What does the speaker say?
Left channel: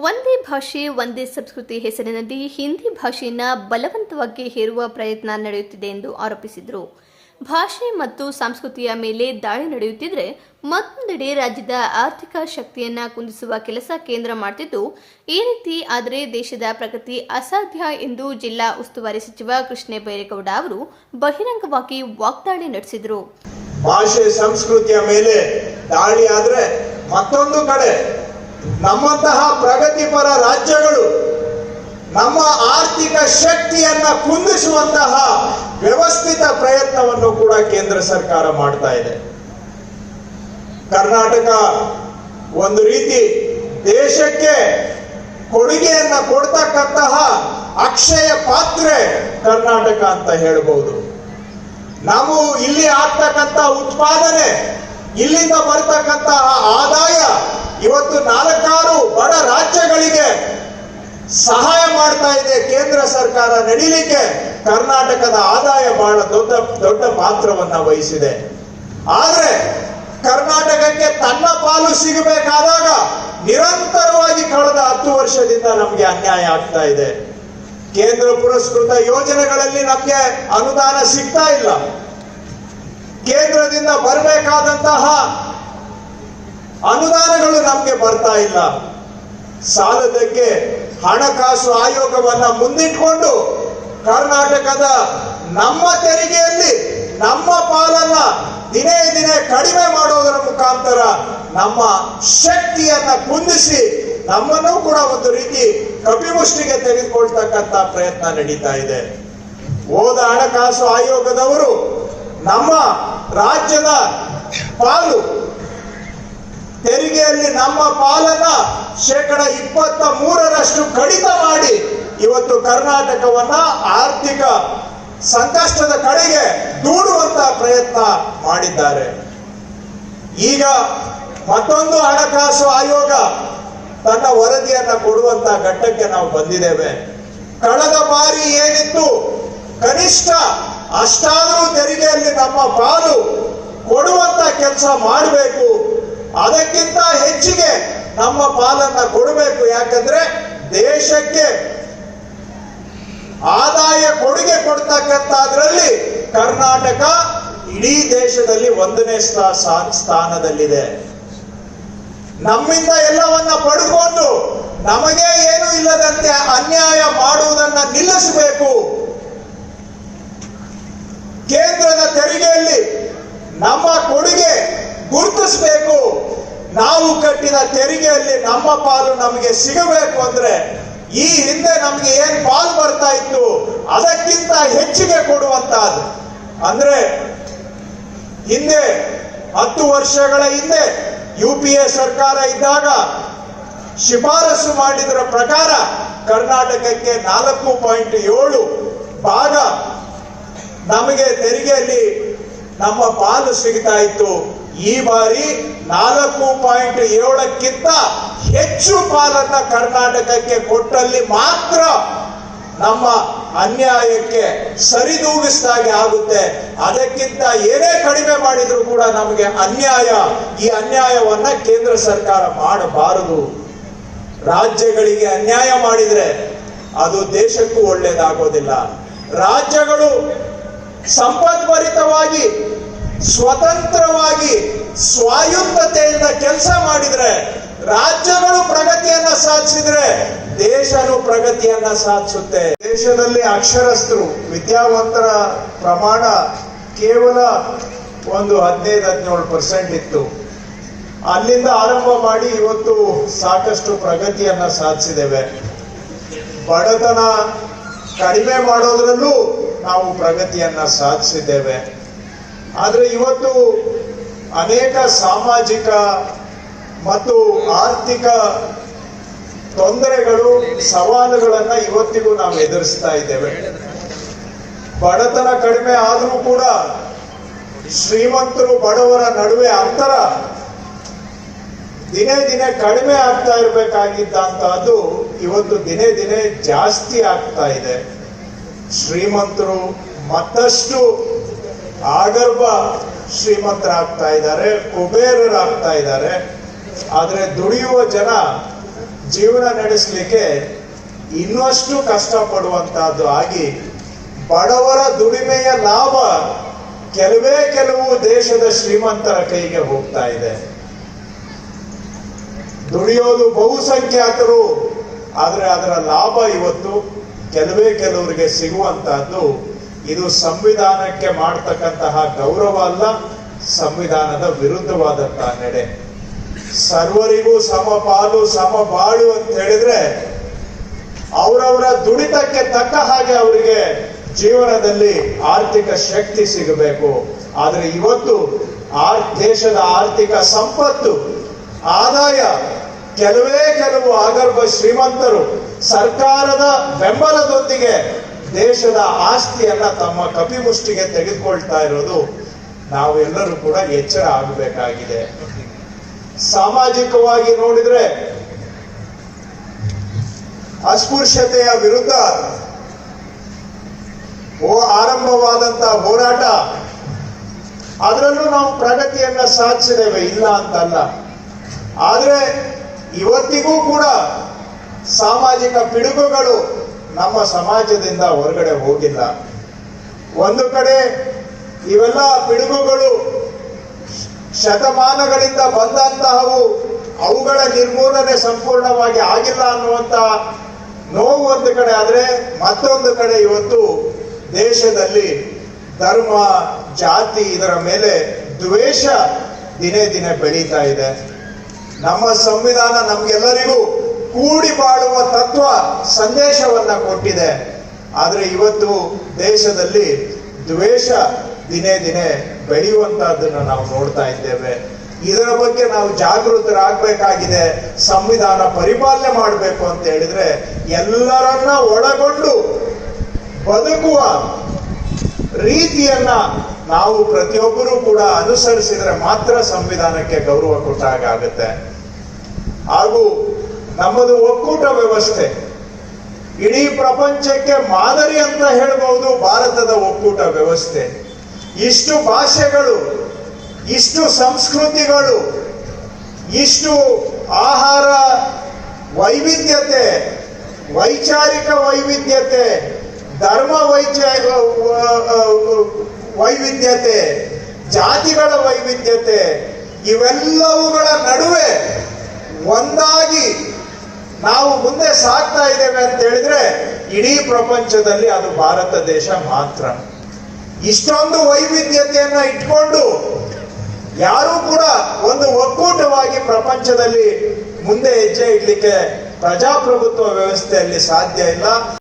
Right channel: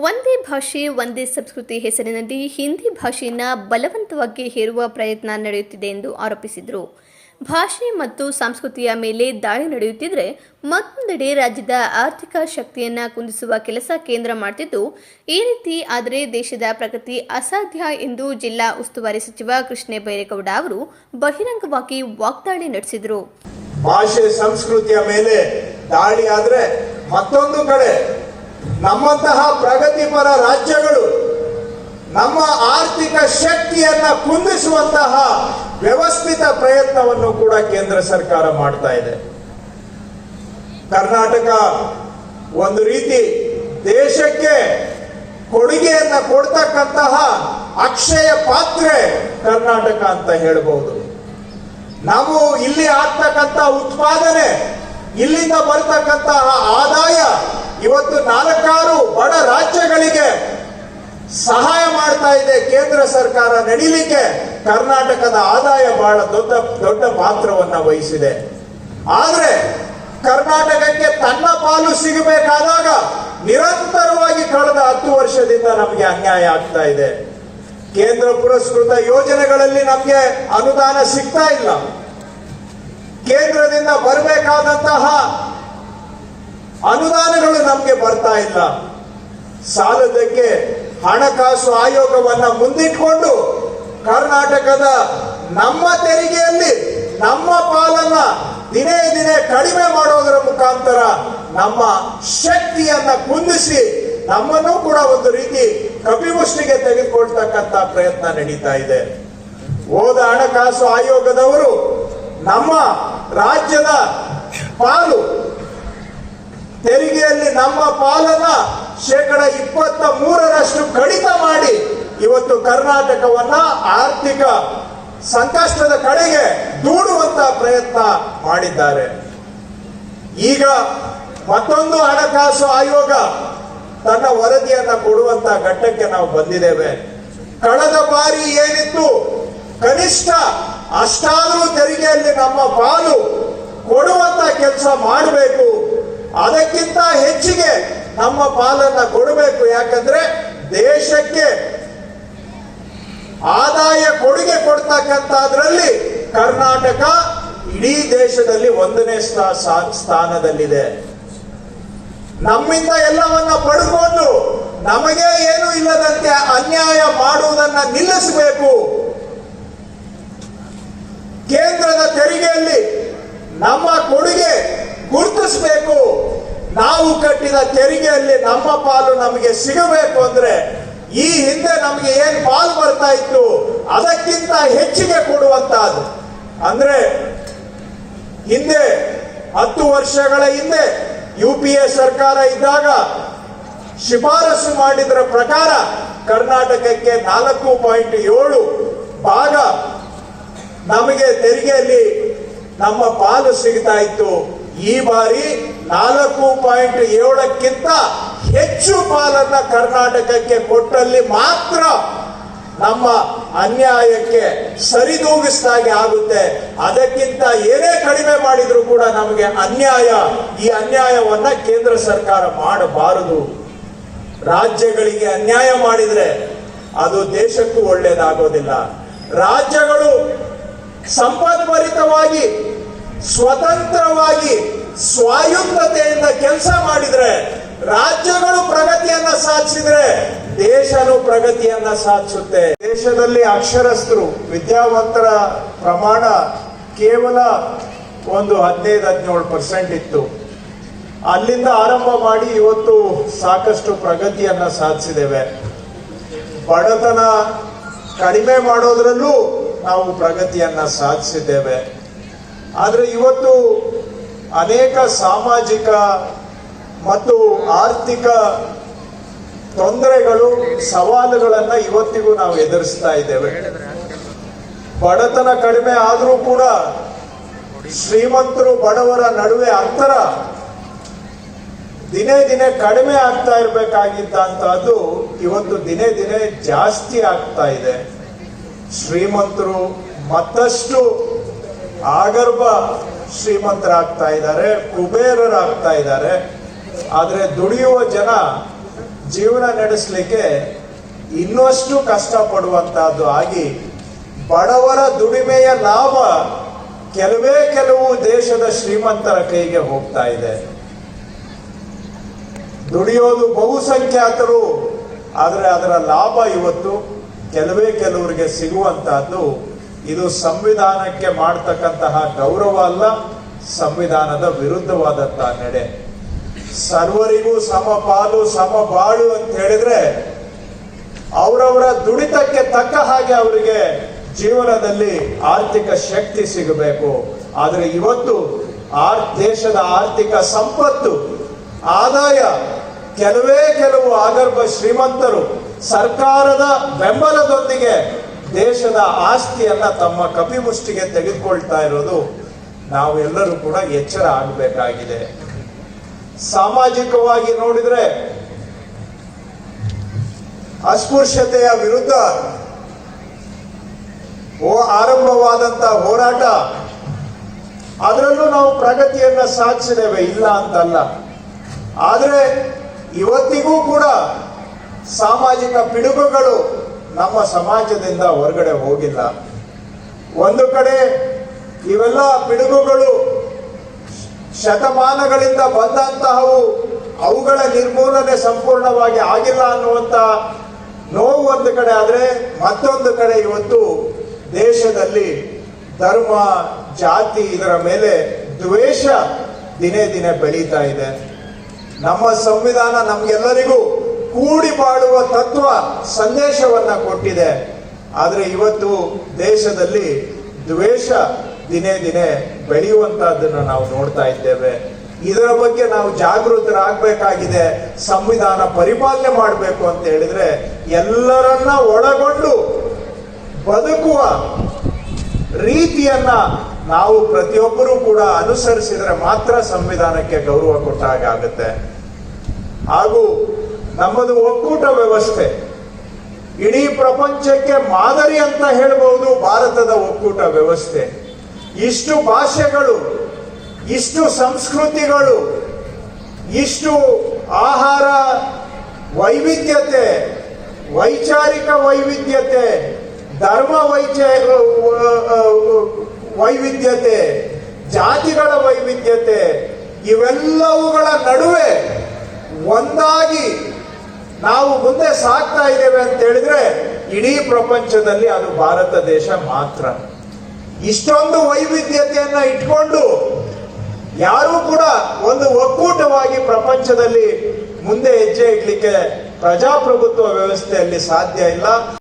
ಒಂದೇ ಭಾಷೆ ಒಂದೇ ಸಂಸ್ಕೃತಿ ಹೆಸರಿನಲ್ಲಿ ಹಿಂದಿ ಭಾಷೆಯನ್ನು ಬಲವಂತವಾಗಿ ಹೇರುವ ಪ್ರಯತ್ನ ನಡೆಯುತ್ತಿದೆ ಎಂದು ಆರೋಪಿಸಿದರು. ಭಾಷೆ ಮತ್ತು ಸಂಸ್ಕೃತಿಯ ಮೇಲೆ ದಾಳಿ ನಡೆಯುತ್ತಿದ್ದರೆ ಮತ್ತೊಂದೆಡೆ ರಾಜ್ಯದ ಆರ್ಥಿಕ ಶಕ್ತಿಯನ್ನು ಕುಂದಿಸುವ ಕೆಲಸ ಕೇಂದ್ರ ಮಾಡುತ್ತಿದ್ದು, ಈ ರೀತಿ ಆದರೆ ದೇಶದ ಪ್ರಗತಿ ಅಸಾಧ್ಯ ಎಂದು ಜಿಲ್ಲಾ ಉಸ್ತುವಾರಿ ಸಚಿವ ಕೃಷ್ಣ ಬೈರೇಗೌಡ ಅವರು ಬಹಿರಂಗವಾಗಿ ವಾಗ್ದಾಳಿ ನಡೆಸಿದರು. ಭಾಷೆ ಸಂಸ್ಕೃತಿಯ ಮೇಲೆ ದಾಳಿ ಆದರೆ ಮತ್ತೊಂದು ಕಡೆ ನಮ್ಮಂತಹ ಪ್ರಗತಿಪರ ರಾಜ್ಯಗಳು ನಮ್ಮ ಆರ್ಥಿಕ ಶಕ್ತಿಯನ್ನ ಕುಂದಿಸುವಂತಹ ವ್ಯವಸ್ಥಿತ ಪ್ರಯತ್ನವನ್ನು ಕೂಡ ಕೇಂದ್ರ ಸರ್ಕಾರ ಮಾಡ್ತಾ ಇದೆ. ಕರ್ನಾಟಕ ಒಂದು ರೀತಿ ದೇಶಕ್ಕೆ ಕೊಡುಗೆಯನ್ನ ಕೊಡ್ತಕ್ಕಂತಹ ಅಕ್ಷಯ ಪಾತ್ರೆ ಕರ್ನಾಟಕ ಅಂತ ಹೇಳಬಹುದು. ನಾವು ಇಲ್ಲಿ ಆಗ್ತಕ್ಕಂಥ ಉತ್ಪಾದನೆ, ಇಲ್ಲಿಂದ ಬರ್ತಕ್ಕಂತಹ ಆದಾಯ ಇವತ್ತು 4 ಬಡ ರಾಜ್ಯಗಳಿಗೆ ಸಹಾಯ ಮಾಡ್ತಾ ಇದೆ. ಕೇಂದ್ರ ಸರ್ಕಾರ ನಡೀಲಿಕ್ಕೆ ಕರ್ನಾಟಕದ ಆದಾಯ ಬಹಳ ದೊಡ್ಡ ಪಾತ್ರವನ್ನ ವಹಿಸಿದೆ. ಆದ್ರೆ ಕರ್ನಾಟಕಕ್ಕೆ ತನ್ನ ಪಾಲು ಸಿಗಬೇಕಾದಾಗ ನಿರಂತರವಾಗಿ ಕಳೆದ 10 ವರ್ಷದಿಂದ ನಮಗೆ ಅನ್ಯಾಯ ಆಗ್ತಾ ಇದೆ. ಕೇಂದ್ರ ಪುರಸ್ಕೃತ ಯೋಜನೆಗಳಲ್ಲಿ ನಮಗೆ ಅನುದಾನ ಸಿಗ್ತಾ ಇಲ್ಲ. ಕೇಂದ್ರದಿಂದ ಬರಬೇಕಾದಂತಹ ಅನುದಾನಗಳು ನಮಗೆ ಬರ್ತಾ ಇಲ್ಲ. ಸಾಲದಕ್ಕೆ ಹಣಕಾಸು ಆಯೋಗವನ್ನ ಮುಂದಿಟ್ಕೊಂಡು ಕರ್ನಾಟಕದ ನಮ್ಮ ತೆರಿಗೆಯಲ್ಲಿ ನಮ್ಮ ಪಾಲನ್ನ ದಿನೇ ದಿನೇ ಕಡಿಮೆ ಮಾಡೋದರ ಮುಖಾಂತರ ನಮ್ಮ ಶಕ್ತಿಯನ್ನ ಕುಂದಿಸಿ ನಮ್ಮನ್ನು ಕೂಡ ಒಂದು ರೀತಿ ಕಪಿಮುಷ್ಟಿಗೆ ತೆಗೆದುಕೊಳ್ತಕ್ಕಂತ ಪ್ರಯತ್ನ ನಡೀತಾ ಇದೆ. ಹೋದ ಹಣಕಾಸು ಆಯೋಗದವರು ನಮ್ಮ ರಾಜ್ಯದ ಪಾಲು ತೆರಿಗೆಯಲ್ಲಿ ನಮ್ಮ ಪಾಲನ್ನ 23% ಕಡಿತ ಮಾಡಿ ಇವತ್ತು ಕರ್ನಾಟಕವನ್ನ ಆರ್ಥಿಕ ಸಂಕಷ್ಟದ ಕಡೆಗೆ ದೂಡುವಂತಹ ಪ್ರಯತ್ನ ಮಾಡಿದ್ದಾರೆ. ಈಗ ಮತ್ತೊಂದು ಹಣಕಾಸು ಆಯೋಗ ತನ್ನ ವರದಿಯನ್ನ ಕೊಡುವಂತ ಘಟ್ಟಕ್ಕೆ ನಾವು ಬಂದಿದ್ದೇವೆ. ಕಳೆದ ಬಾರಿ ಏನಿತ್ತು, ಕನಿಷ್ಠ ಅಷ್ಟಾದರೂ ತೆರಿಗೆಯಲ್ಲಿ ನಮ್ಮ ಪಾಲು ಕೊಡುವಂತ ಕೆಲಸ ಮಾಡಬೇಕು. ಅದಕ್ಕಿಂತ ಹೆಚ್ಚಿಗೆ ನಮ್ಮ ಪಾಲನ್ನ ಕೊಡಬೇಕು. ಯಾಕಂದ್ರೆ ದೇಶಕ್ಕೆ ಆದಾಯ ಕೊಡುಗೆ ಕೊಡ್ತಕ್ಕಂಥದ್ರಲ್ಲಿ ಕರ್ನಾಟಕ ಇಡೀ ದೇಶದಲ್ಲಿ 1ನೇ ಸ್ಥಾನದಲ್ಲಿದೆ. ನಮ್ಮಿಂದ ಎಲ್ಲವನ್ನ ಪಡೆದುಕೊಂಡು ನಮಗೆ ಏನು ಇಲ್ಲದಂತೆ ಅನ್ಯಾಯ ಮಾಡುವುದನ್ನ ನಿಲ್ಲಿಸಬೇಕು. ಕೇಂದ್ರದ ತೆರಿಗೆಯಲ್ಲಿ ನಮ್ಮ ಕೊಡುಗೆ ಗುರುತಿಸಬೇಕು. ನಾವು ಕಟ್ಟಿದ ತೆರಿಗೆಯಲ್ಲಿ ನಮ್ಮ ಪಾಲು ನಮಗೆ ಸಿಗಬೇಕು ಅಂದ್ರೆ ಈ ಹಿಂದೆ ನಮಗೆ ಏನ್ ಪಾಲು ಬರ್ತಾ ಇತ್ತು ಅದಕ್ಕಿಂತ ಹೆಚ್ಚಿಗೆ ಕೊಡುವಂತಹದ್ದು. ಅಂದ್ರೆ ಹಿಂದೆ 10 ವರ್ಷಗಳ ಹಿಂದೆ UPA ಸರ್ಕಾರ ಇದ್ದಾಗ ಶಿಫಾರಸು ಮಾಡಿದರ ಪ್ರಕಾರ ಕರ್ನಾಟಕಕ್ಕೆ 4.7 ಭಾಗ ನಮಗೆ ತೆರಿಗೆಯಲ್ಲಿ ನಮ್ಮ ಪಾಲು ಸಿಗ್ತಾ ಇತ್ತು. ಈ ಬಾರಿ 4.7ಕ್ಕಿಂತ ಹೆಚ್ಚು ಪಾಲನ್ನ ಕರ್ನಾಟಕಕ್ಕೆ ಕೊಟ್ಟಲ್ಲಿ ಮಾತ್ರ ನಮ್ಮ ಅನ್ಯಾಯಕ್ಕೆ ಸರಿದೂಗಿಸಿದಾಗೆ ಆಗುತ್ತೆ. ಅದಕ್ಕಿಂತ ಏನೇ ಕಡಿಮೆ ಮಾಡಿದ್ರು ಕೂಡ ನಮಗೆ ಅನ್ಯಾಯ. ಈ ಅನ್ಯಾಯವನ್ನ ಕೇಂದ್ರ ಸರ್ಕಾರ ಮಾಡಬಾರದು. ರಾಜ್ಯಗಳಿಗೆ ಅನ್ಯಾಯ ಮಾಡಿದ್ರೆ ಅದು ದೇಶಕ್ಕೂ ಒಳ್ಳೇದಾಗೋದಿಲ್ಲ. ರಾಜ್ಯಗಳು ಸಂಪದ್ಭರಿತವಾಗಿ ಸ್ವತಂತ್ರವಾಗಿ ಸ್ವಾಯತ್ತತೆಯಿಂದ ಕೆಲಸ ಮಾಡಿದ್ರೆ, ರಾಜ್ಯಗಳು ಪ್ರಗತಿಯನ್ನ ಸಾಧಿಸಿದ್ರೆ ದೇಶನು ಪ್ರಗತಿಯನ್ನ ಸಾಧಿಸುತ್ತೆ. ದೇಶದಲ್ಲಿ ಅಕ್ಷರಸ್ಥರು ವಿದ್ಯಾವಂತರ ಪ್ರಮಾಣ ಕೇವಲ ಒಂದು 15-17% ಇತ್ತು. ಅಲ್ಲಿಂದ ಆರಂಭ ಮಾಡಿ ಇವತ್ತು ಸಾಕಷ್ಟು ಪ್ರಗತಿಯನ್ನ ಸಾಧಿಸಿದ್ದೇವೆ. ಬಡತನ ಕಡಿಮೆ ಮಾಡೋದ್ರಲ್ಲೂ ನಾವು ಪ್ರಗತಿಯನ್ನ ಸಾಧಿಸಿದ್ದೇವೆ. ಆದ್ರೆ ಇವತ್ತು ಅನೇಕ ಸಾಮಾಜಿಕ ಮತ್ತು ಆರ್ಥಿಕ ತೊಂದರೆಗಳು, ಸವಾಲುಗಳನ್ನ ಇವತ್ತಿಗೂ ನಾವು ಎದುರಿಸ್ತಾ ಇದ್ದೇವೆ. ಬಡತನ ಕಡಿಮೆ ಆದರೂ ಕೂಡ ಶ್ರೀಮಂತರು ಬಡವರ ನಡುವೆ ಅಂತರ ದಿನೇ ದಿನೇ ಕಡಿಮೆ ಆಗ್ತಾ ಇರಬೇಕಾಗಿದ್ದಂತಹದ್ದು ಇವತ್ತು ದಿನೇ ದಿನೇ ಜಾಸ್ತಿ ಆಗ್ತಾ ಇದೆ. ಶ್ರೀಮಂತರು ಮತ್ತಷ್ಟು ಆಗರ್ಭ ಶ್ರೀಮಂತರಾಗ್ತಾ ಇದ್ದಾರೆ, ಕುಬೇರರಾಗ್ತಾ ಇದ್ದಾರೆ. ಆದ್ರೆ ದುಡಿಯುವ ಜನ ಜೀವನ ನಡೆಸಲಿಕ್ಕೆ ಇನ್ನಷ್ಟು ಕಷ್ಟಪಡುವಂತಹದ್ದು ಆಗಿ ಬಡವರ ದುಡಿಮೆಯ ಲಾಭ ಕೆಲವು ದೇಶದ ಶ್ರೀಮಂತರ ಕೈಗೆ ಹೋಗ್ತಾ ಇದೆ. ದುಡಿಯೋದು ಬಹುಸಂಖ್ಯಾತರು, ಆದರೆ ಅದರ ಲಾಭ ಇವತ್ತು ಕೆಲವರಿಗೆ ಸಿಗುವಂತಹದ್ದು. ಇದು ಸಂವಿಧಾನಕ್ಕೆ ಮಾಡತಕ್ಕಂತಹ ಗೌರವ ಅಲ್ಲ, ಸಂವಿಧಾನದ ವಿರುದ್ಧವಾದಂತಹ ನಡೆ. ಸರ್ವರಿಗೂ ಸಮಪಾಲು ಸಮಬಾಳು ಅಂತ ಹೇಳಿದ್ರೆ ಅವರವರ ದುಡಿತಕ್ಕೆ ತಕ್ಕ ಹಾಗೆ ಅವರಿಗೆ ಜೀವನದಲ್ಲಿ ಆರ್ಥಿಕ ಶಕ್ತಿ ಸಿಗಬೇಕು. ಆದರೆ ಇವತ್ತು ದೇಶದ ಆರ್ಥಿಕ ಸಂಪತ್ತು, ಆದಾಯ ಕೆಲವು ಆಗರ್ಭ ಶ್ರೀಮಂತರು ಸರ್ಕಾರದ ಬೆಂಬಲದೊಂದಿಗೆ ದೇಶದ ಆಸ್ತಿಯನ್ನ ತಮ್ಮ ಕಪಿಮುಷ್ಟಿಗೆ ತೆಗೆದುಕೊಳ್ತಾ ಇರೋದು ನಾವೆಲ್ಲರೂ ಕೂಡ ಎಚ್ಚರ ಆಗಬೇಕಾಗಿದೆ. ಸಾಮಾಜಿಕವಾಗಿ ನೋಡಿದ್ರೆ ಅಸ್ಪೃಶ್ಯತೆಯ ವಿರುದ್ಧ ಆರಂಭವಾದಂತಹ ಹೋರಾಟ, ಅದರಲ್ಲೂ ನಾವು ಪ್ರಗತಿಯನ್ನ ಸಾಧಿಸಿದ್ದೇವೆ, ಇಲ್ಲ ಅಂತಲ್ಲ. ಆದರೆ ಇವತ್ತಿಗೂ ಕೂಡ ಸಾಮಾಜಿಕ ಪಿಡುಗುಗಳು ನಮ್ಮ ಸಮಾಜದಿಂದ ಹೊರಗಡೆ ಹೋಗಿಲ್ಲ. ಒಂದು ಕಡೆ ಇವೆಲ್ಲ ಪಿಡುಗುಗಳು ಶತಮಾನಗಳಿಂದ ಬಂದಂತಹವು, ಅವುಗಳ ನಿರ್ಮೂಲನೆ ಸಂಪೂರ್ಣವಾಗಿ ಆಗಿಲ್ಲ ಅನ್ನುವಂತ ನೋವು ಒಂದು ಕಡೆ. ಆದರೆ ಮತ್ತೊಂದು ಕಡೆ ಇವತ್ತು ದೇಶದಲ್ಲಿ ಧರ್ಮ, ಜಾತಿ ಇದರ ಮೇಲೆ ದ್ವೇಷ ದಿನೇ ಬೆಳೀತಾ ಇದೆ. ನಮ್ಮ ಸಂವಿಧಾನ ನಮ್ಗೆಲ್ಲರಿಗೂ ಕೂಡಿ ಬಾಳುವ ತತ್ವ ಸಂದೇಶವನ್ನ ಕೊಟ್ಟಿದೆ. ಆದರೆ ಇವತ್ತು ದೇಶದಲ್ಲಿ ದ್ವೇಷ ದಿನೇ ಬೆಳೆಯುವಂತಹದ್ದನ್ನು ನಾವು ನೋಡ್ತಾ ಇದ್ದೇವೆ. ಇದರ ಬಗ್ಗೆ ನಾವು ಜಾಗೃತರಾಗಬೇಕಾಗಿದೆ. ಸಂವಿಧಾನ ಪರಿಪಾಲನೆ ಮಾಡಬೇಕು ಅಂತ ಹೇಳಿದ್ರೆ ಎಲ್ಲರನ್ನ ಒಳಗೊಂಡು ಬದುಕುವ ರೀತಿಯನ್ನ ನಾವು ಪ್ರತಿಯೊಬ್ಬರೂ ಕೂಡ ಅನುಸರಿಸಿದರೆ ಮಾತ್ರ ಸಂವಿಧಾನಕ್ಕೆ ಗೌರವ ಕೊಟ್ಟ ಹಾಗಾಗುತ್ತೆ. ಹಾಗೂ ನಮ್ಮದು ಒಕ್ಕೂಟ ವ್ಯವಸ್ಥೆ ಇಡೀ ಪ್ರಪಂಚಕ್ಕೆ ಮಾದರಿ ಅಂತ ಹೇಳಬಹುದು. ಭಾರತದ ಒಕ್ಕೂಟ ವ್ಯವಸ್ಥೆ, ಇಷ್ಟು ಭಾಷೆಗಳು, ಇಷ್ಟು ಸಂಸ್ಕೃತಿಗಳು, ಇಷ್ಟು ಆಹಾರ ವೈವಿಧ್ಯತೆ, ವೈಚಾರಿಕ ವೈವಿಧ್ಯತೆ, ಧರ್ಮ ವೈವಿಧ್ಯತೆ, ಜಾತಿಗಳ ವೈವಿಧ್ಯತೆ, ಇವೆಲ್ಲವುಗಳ ನಡುವೆ ಒಂದಾಗಿ ನಾವು ಮುಂದೆ ಸಾಗ್ತಾ ಇದ್ದೇವೆ ಅಂತ ಹೇಳಿದ್ರೆ ಇಡೀ ಪ್ರಪಂಚದಲ್ಲಿ ಅದು ಭಾರತ ದೇಶ ಮಾತ್ರ. ಇಷ್ಟೊಂದು ವೈವಿಧ್ಯತೆಯನ್ನ ಇಟ್ಕೊಂಡು ಯಾರೂ ಕೂಡ ಒಂದು ಒಕ್ಕೂಟವಾಗಿ ಪ್ರಪಂಚದಲ್ಲಿ ಮುಂದೆ ಹೆಜ್ಜೆ ಇಡ್ಲಿಕ್ಕೆ ಪ್ರಜಾಪ್ರಭುತ್ವ ವ್ಯವಸ್ಥೆಯಲ್ಲಿ ಸಾಧ್ಯ ಇಲ್ಲ.